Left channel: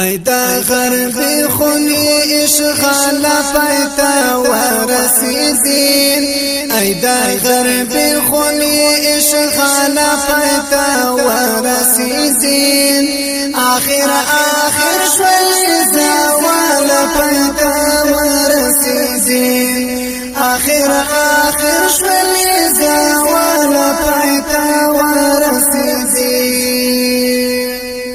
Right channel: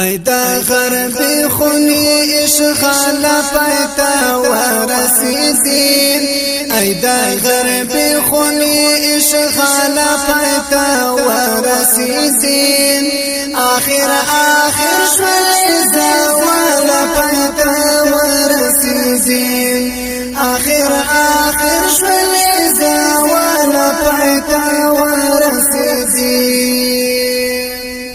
ای دا غربی خونی اشغال پایتا ورسیدین ای دا غربی خونی اشغال پایتا ورسیدین آخر شوی زوال پایتا ورسیدین آخر شوی زوال پایتا ورسیدین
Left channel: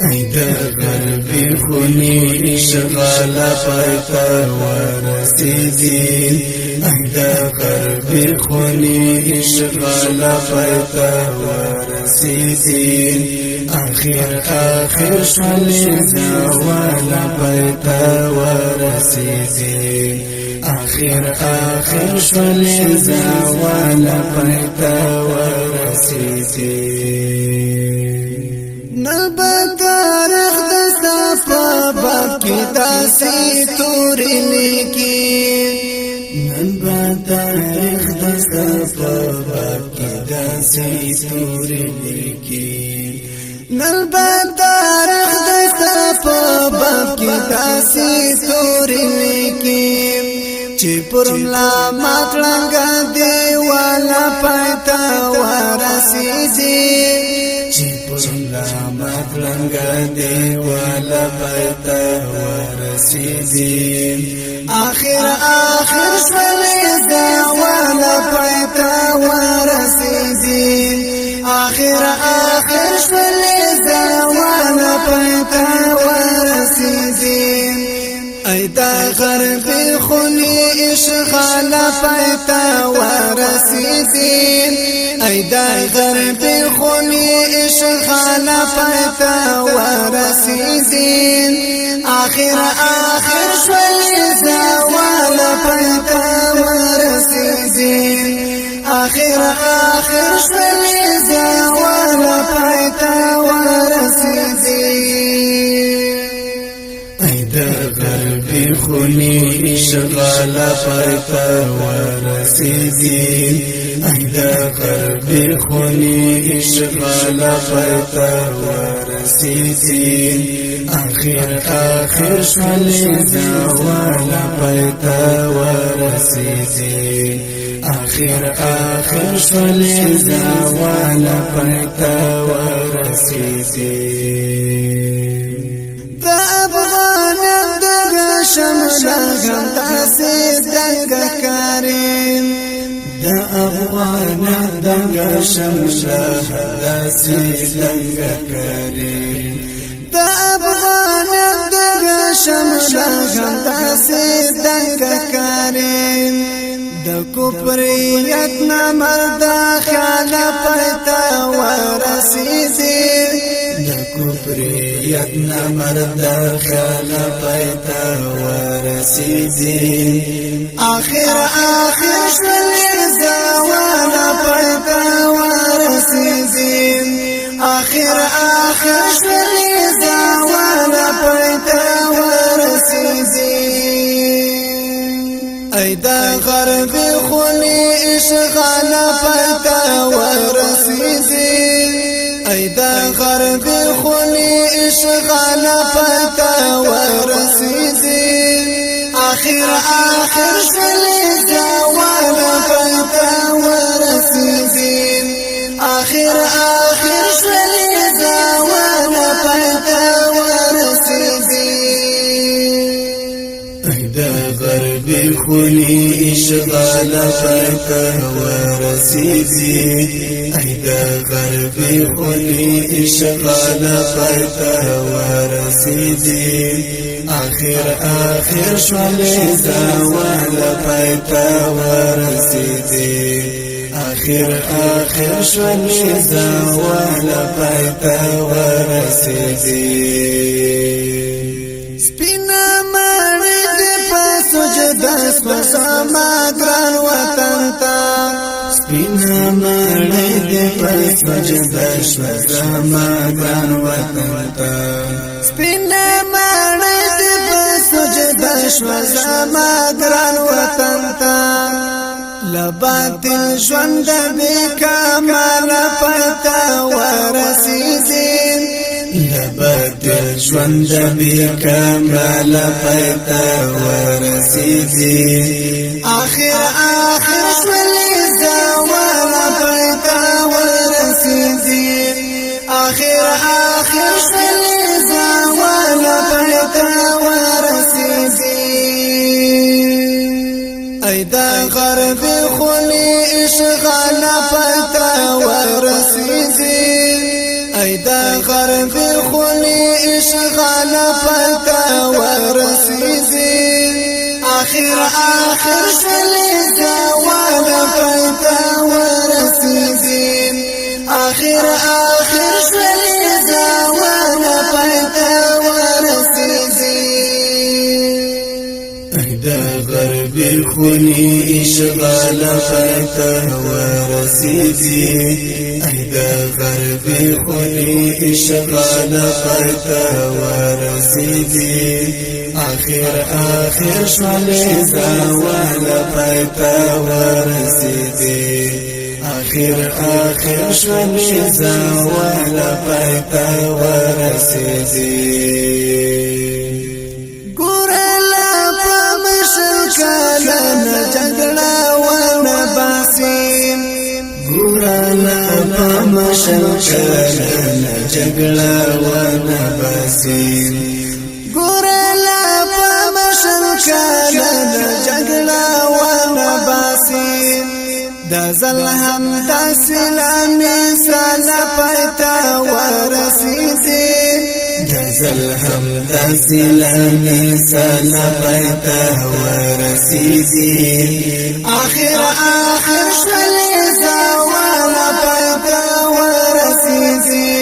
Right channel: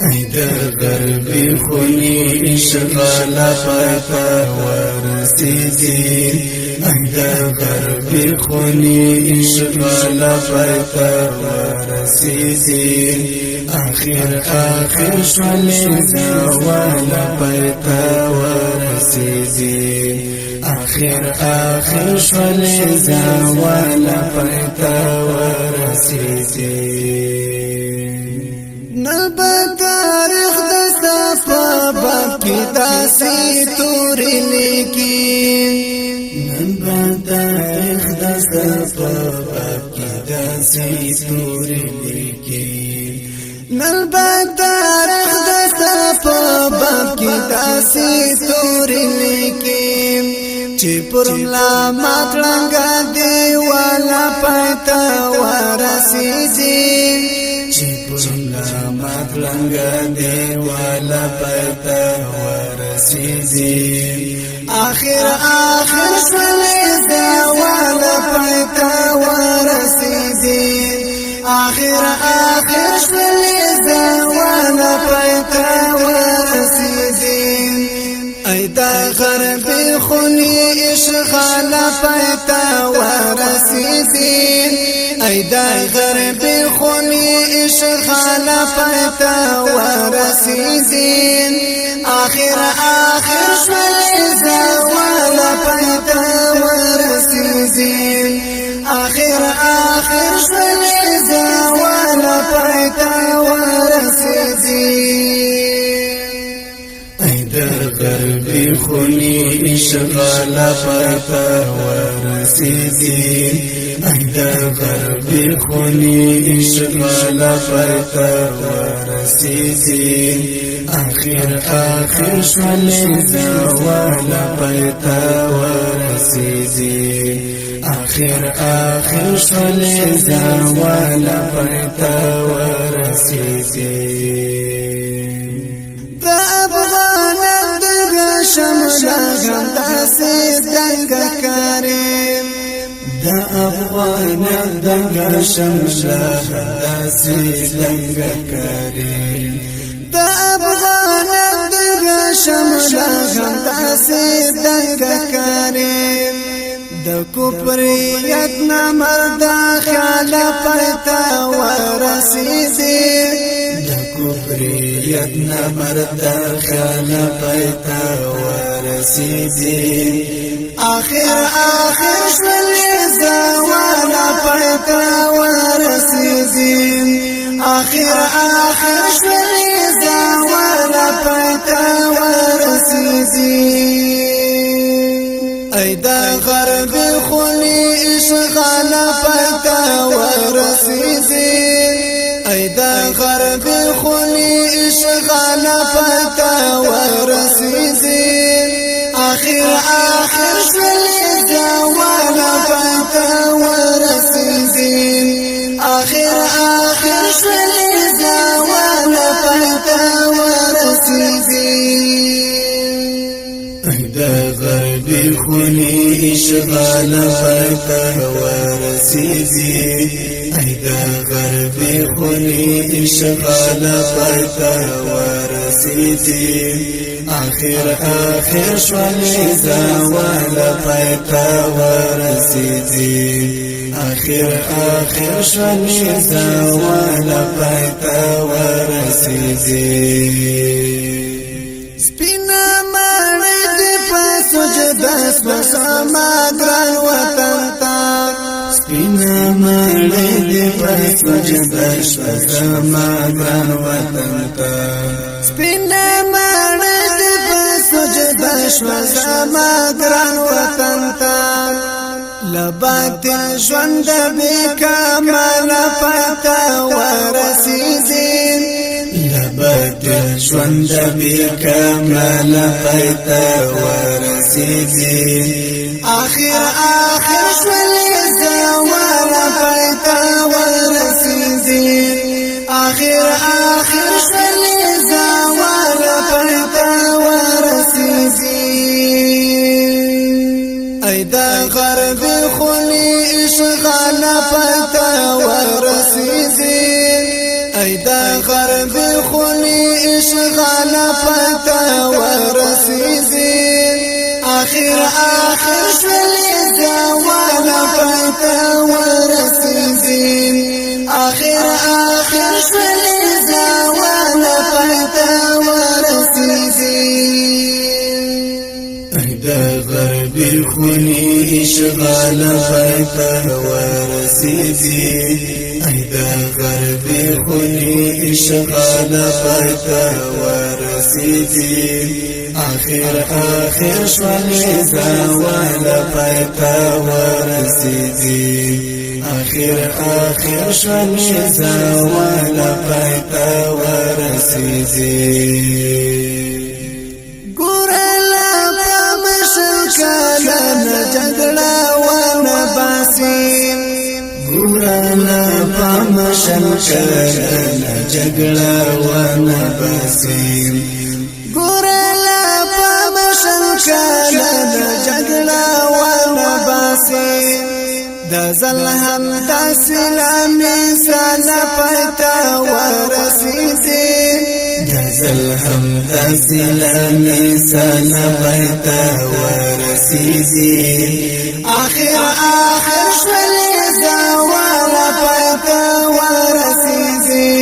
ای دا غربی خونی اشغال پایتا ورسیدین ای دا غربی خونی اشغال پایتا ورسیدین آخر شوی زوال پایتا ورسیدین آخر شوی زوال پایتا ورسیدین نبا تاریخ دستا پا باب کی داسی توری لیکین نبا تاریخ دستا پا باب کی داسی توری لیکین نبا تاریخ دستا پا باب کی داسی توری لیکین چی پرم لا ماتلنگا دیوالا پایتا ورسیدین چی پرم لا ماتلنگا دیوالا پایتا ورسیدین آخر سلی دیوالا پایتا ورسیدین آخر سلی دیوالا پایتا ورسیدین ای دا غربی خونی اشغال پایتا ورسیدین ای دا غربی خونی اشغال پایتا ورسیدین آخر شوی زوال پایتا ورسیدین آخر شوی زوال پایتا ورسیدین ای دا غربی خونی اشغال پایتا ورسیدین ای دا غربی خونی اشغال پایتا ورسیدین آخر شوی زوال پایتا ورسیدین آخر شوی زوال پایتا ورسیدین دا افغان دغه شمل غم داسې دنګ کاریم دا افغان دغه شمل غم داسې دنګ کاریم دا افغان دغه شمل غم داسې دنګ کاریم د کوپریت نامرد خیال پایتا ورسیدین د کوپریت نامرد خیال پایتا ورسیدین آخر شوی زوال پایتا ورسیدین آخر شوی زوال پایتا ورسیدین ای دا غربی خونی اشغال پایتا ورسیدین ای دا غربی خونی اشغال پایتا ورسیدین آخر شوی زوال پایتا ورسیدین آخر شوی زوال پایتا ورسیدین ای دا غربی خونی اشغال پایتا ورسیدین ای دا غربی خونی اشغال پایتا ورسیدین آخر شوی زوال پایتا ورسیدین آخر شوی زوال پایتا ورسیدین سپینا ماړی دې پاسو جدا سما ګران وطن تا سپینا ماړی دې پاسو جدا سما ګران وطن تا سپینا ماړی دې پاسو جدا سما ګران وطن تا لباطل ژوند به کمال پتا ورسیدین لبکر ژوند بی کمال پایتا ورسیدی آخر ژوند زوال پایتا ورسیدی آخر ژوند زوال پایتا ورسیدی ای دا غرب خونی اشغال پایتا ورسیدی ای دا غرب خونی اشغال پایتا ورسیدی آخر ژوند زوال پایتا ورسیدی آخر ژوند زوال پایتا ورسیدی ای دا غرب خونی اشغال پایتا ورسیدی ای دا غرب خونی اشغال پایتا ورسیدی آخر ژوند زوال پایتا ورسیدی آخر ژوند زوال پایتا ورسیدی ګورلا په مشل کله نه جګړه ونه باسي ګورلا په مشل کله نه جګړه ونه باسي ګورلا په مشل کله نه جګړه ونه باسي د زل هم د سلامي سال پایتا ورسیدي د زل هم د سلامي سال پایتا ورسیدي آخر ژوند زوال پایتا ورسیدي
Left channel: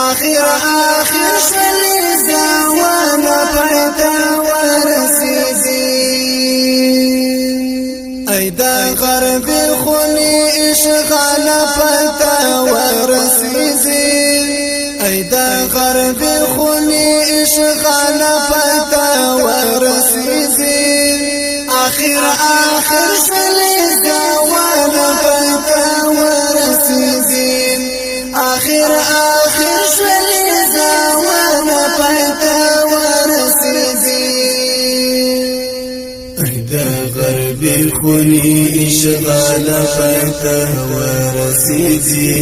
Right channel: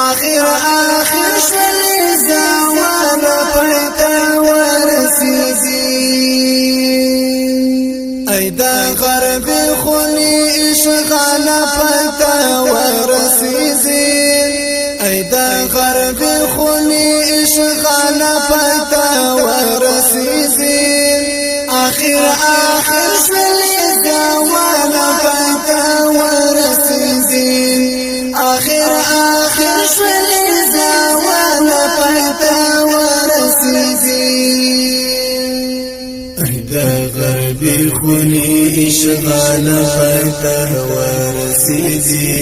آخر ژوند زوال پایتا ورسیدي ای دا غرب خونی اشغال پایتا ورسیدی ای دا غرب خونی اشغال پایتا ورسیدی آخر ژوند زوال پایتا ورسیدی آخر ژوند زوال پایتا ورسیدی ای دا غرب خونی اشغال پایتا ورسیدی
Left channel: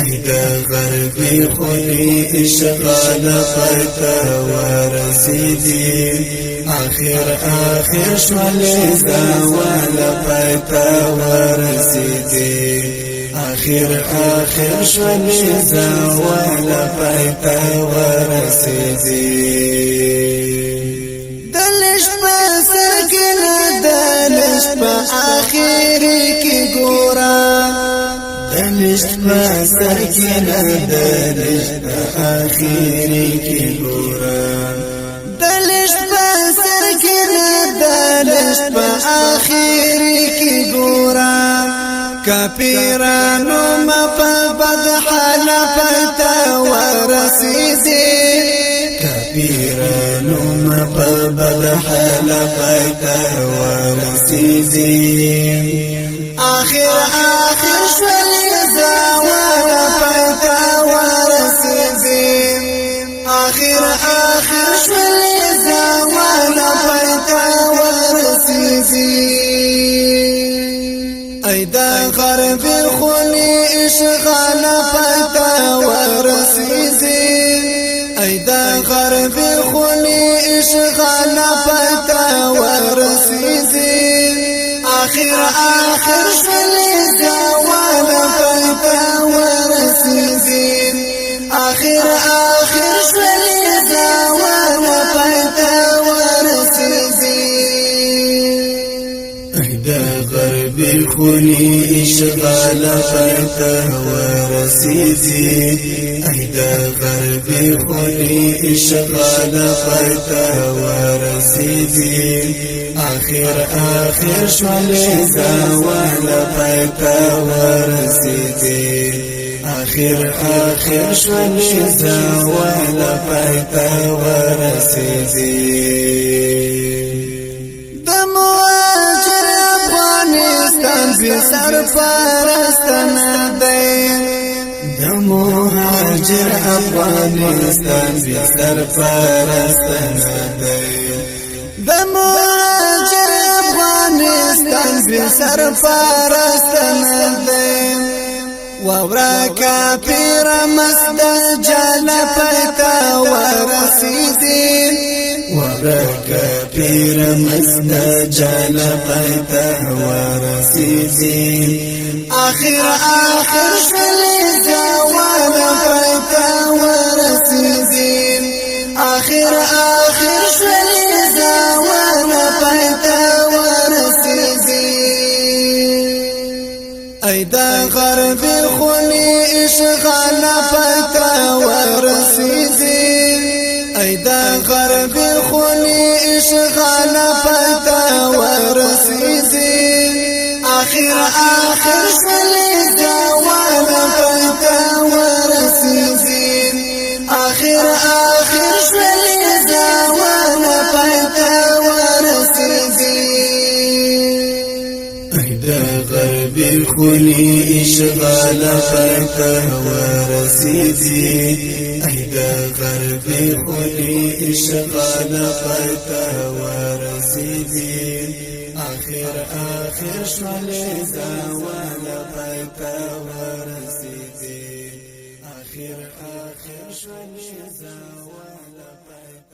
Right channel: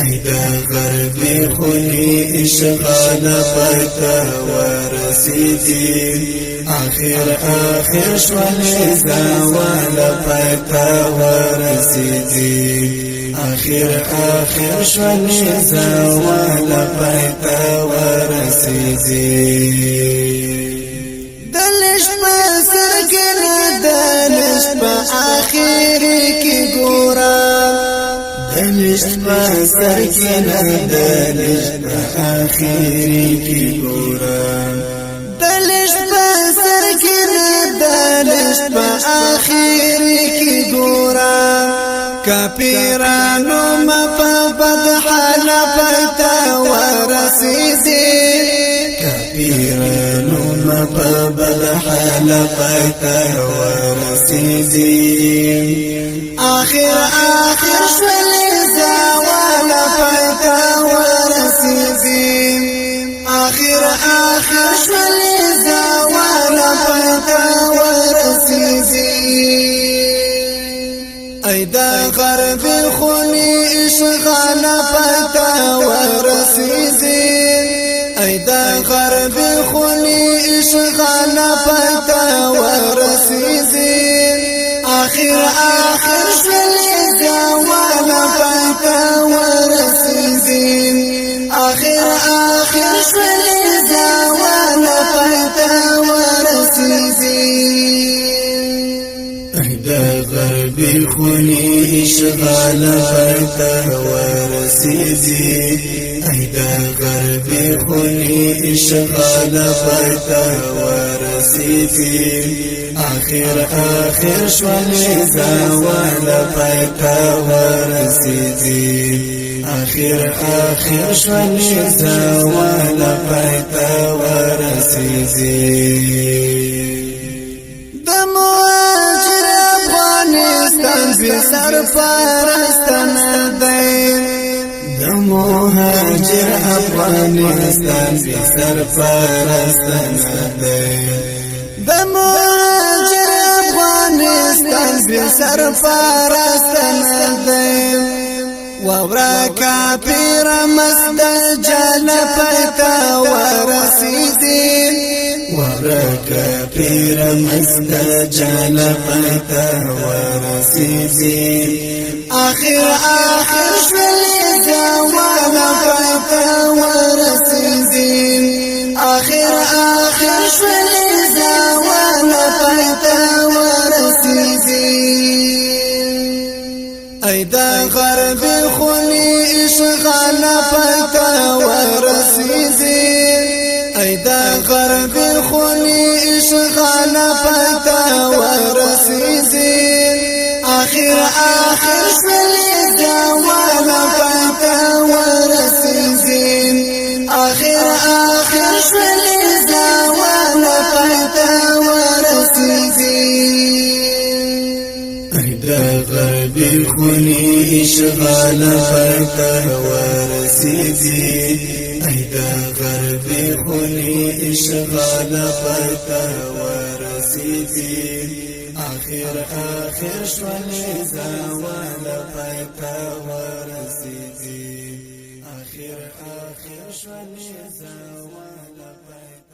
ای دا غرب خونی اشغال پایتا ورسیدی آخر ژوند زوال پایتا ورسیدی آخر ژوند زوال پایتا ورسیدی دلشت په سر کې نه دلشت په آخر کې ګورا دلشت په سر کې نه دلشت په آخر کې ګورا دلشت په سر کې نه دلشت په آخر کې ګورا کافرانو په بد حال پایتا ورسیدي کافرانو په بد حال پایتا ورسیدي آخر ژوند زوال پایتا ورسیدي آخر ژوند زوال پایتا ورسیدي ای دا غرب خونی اشغال پایتا ورسیدی ای دا غرب خونی اشغال پایتا ورسیدی آخر ژوند زوال پایتا ورسیدی آخر ژوند زوال پایتا ورسیدی ای دا غرب خونی اشغال پایتا ورسیدی ای دا غرب خونی اشغال پایتا ورسیدی آخر ژوند زوال پایتا ورسیدی آخر ژوند زوال پایتا ورسیدی افغانستان بی سرپرست نه دی د مهاجر افغانستان بی سرپرستان دی د مهاجر افغانستان بی سرپرستان دی وورا کافر مسد جل پیتا ورسیدی وورا کافر مسد جل پیتا ورسیدی آخر شلیتا وانا پیتا ورسیدی آخر شلیتا وانا پیتا ورسیدی ای دا غرب خونی اشغال پیتا ورسیدی ای دا غرب خونی اشغال پیتا ورسیدی آخر شلیتا وانا پیتا ورسیدی آخر شلیتا وانا پیتا ورسیدی غربی خونی اشغال پیتا ورسیدی ایدا غربی خونی اشغال پیتا ورسیدی آخر شولی زوالا پیتا ورسیدی آخر شولی زوالا پیتا